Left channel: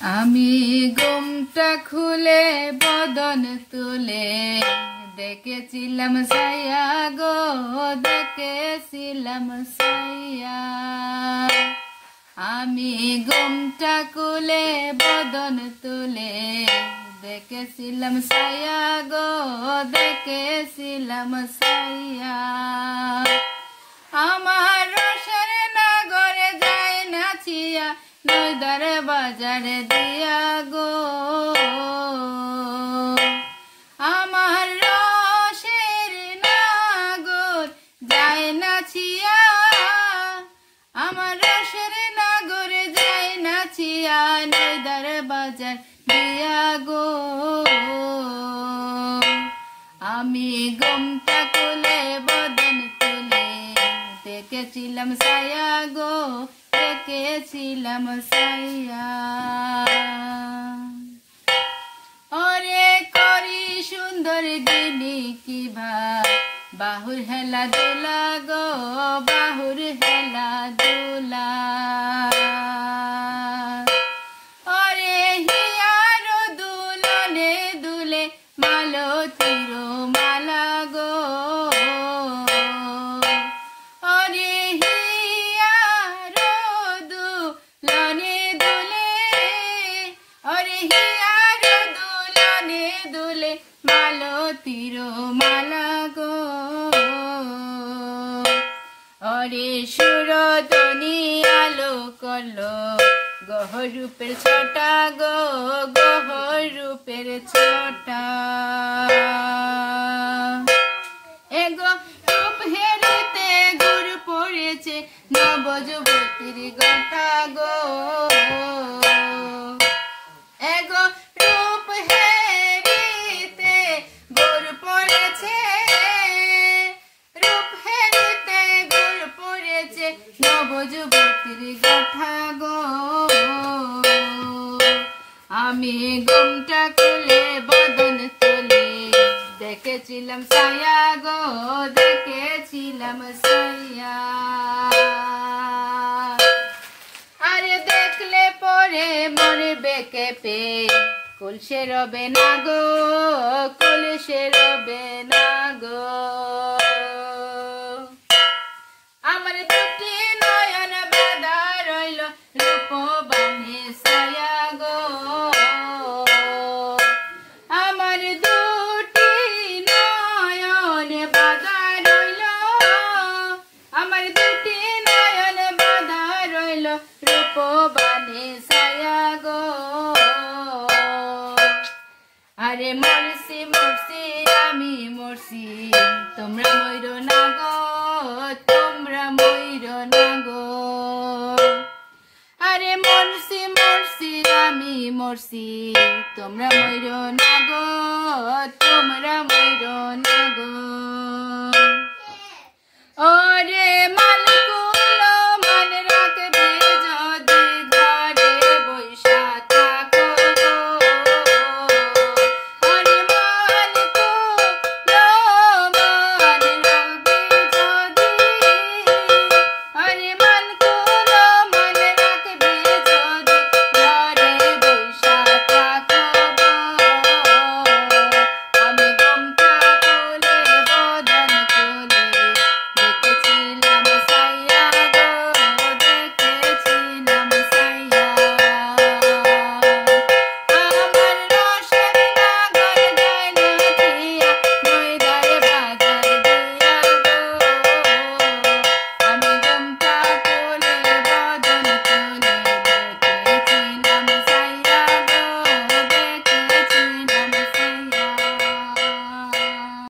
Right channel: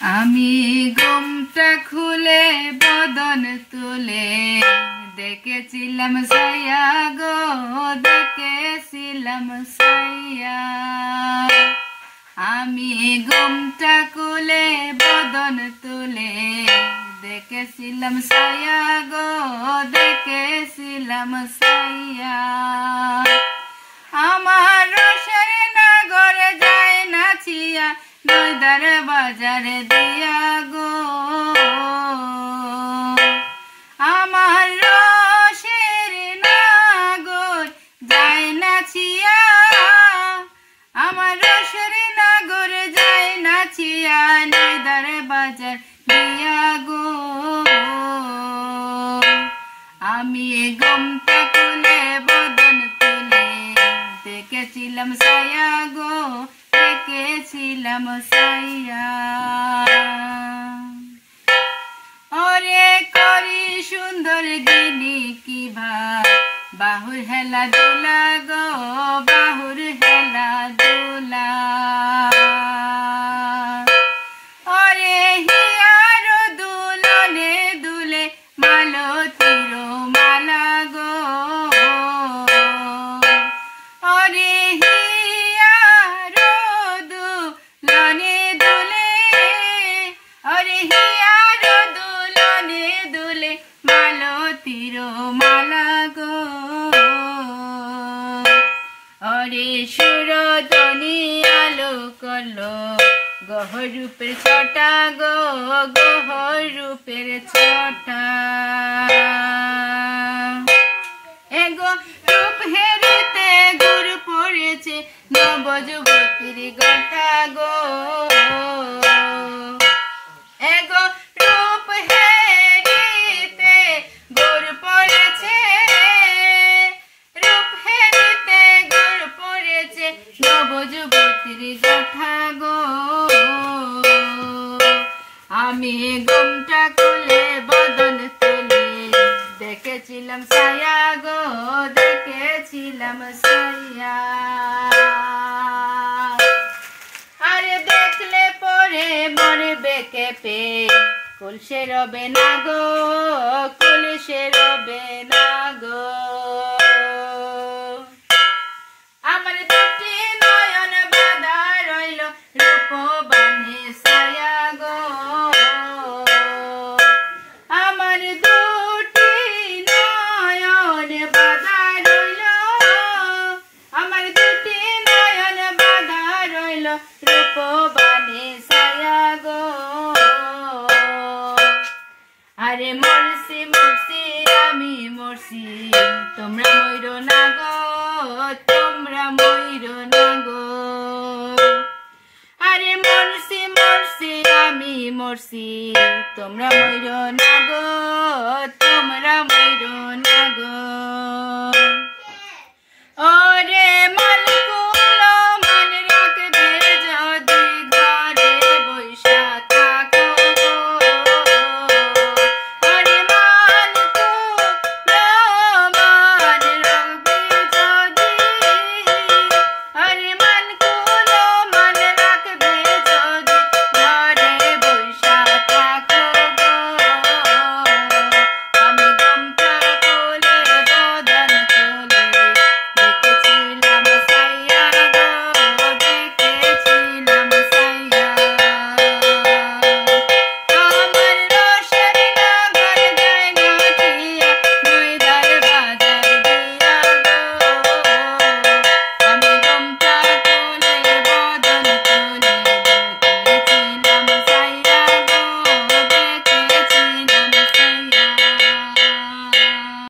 আমি ঘুমটা খুলে বদন তুলে দেখেছিলাম সায়া গো, দেখেছিলাম সায়া। আমি ঘুমটা খুলে বদন তুলে দেখেছিলাম সায়া গো, দেখেছিলাম সায়া। আমার রসের নগরে যায় না ছিয়া, নইদার বাজারে দিয়া গো। আমার রসের নগর যায় না ছিয়া, আমার রসের নগরে যায় না ছিয়া, নইদার বাজার দিয়া গো। আমি ঘুমটা খুলে বদন তুলে দেখেছিলাম সায়া গো, দেখেছিলাম সায়া। ওরে করি সুন্দর গিনি কিভা বাহুর হেলা দোলা গো, বাহুর হেলা দোলা। ওরে হিয়ার দুলনে দুলে মালতীর মালা গো। ওরে হিয়ার দুলনে দুলে, ওরে হিয়ার দুলনে দুলে মালতীর মালা গো। ওরে সুরধনি আলো করলো গহর রূপের ছটা গো, গহর রূপের ছটা। এগো রূপ হেরিতে গুড় পড়েছে নবযুবতীর গাঁথা গো। এগো রূপ হেরিতে গুড় পড়েছে, রূপ হেরিতে গুড় পড়েছে নবযুবতীর গাঁথা গো। আমি ঘুমটা খুলে বদন তুলে দেখেছিলাম সায়া গো, দেখেছিলাম সায়া। আরে দেখলে পরে মরবে কেঁপে, কুলসে রবে না গো, কুলসে রবে না গো। আমার দুটি নয়ন বাঁধা রইল রূপবানে সায়া গো। আমার দুটি নয়ন বাঁধা রইল, আমার দুটি নয়ন বাঁধা রইল রূপবানে সায়া গো। আরে মরছি মরছি আমি মরছি, তোমরা মইরো না গো, তোমরা মইরো না গো। আরে মরছি মরছি আমি মরছি, তোমরা মইরো না গো, তোমরা মইরো না গো। ওরে মালিক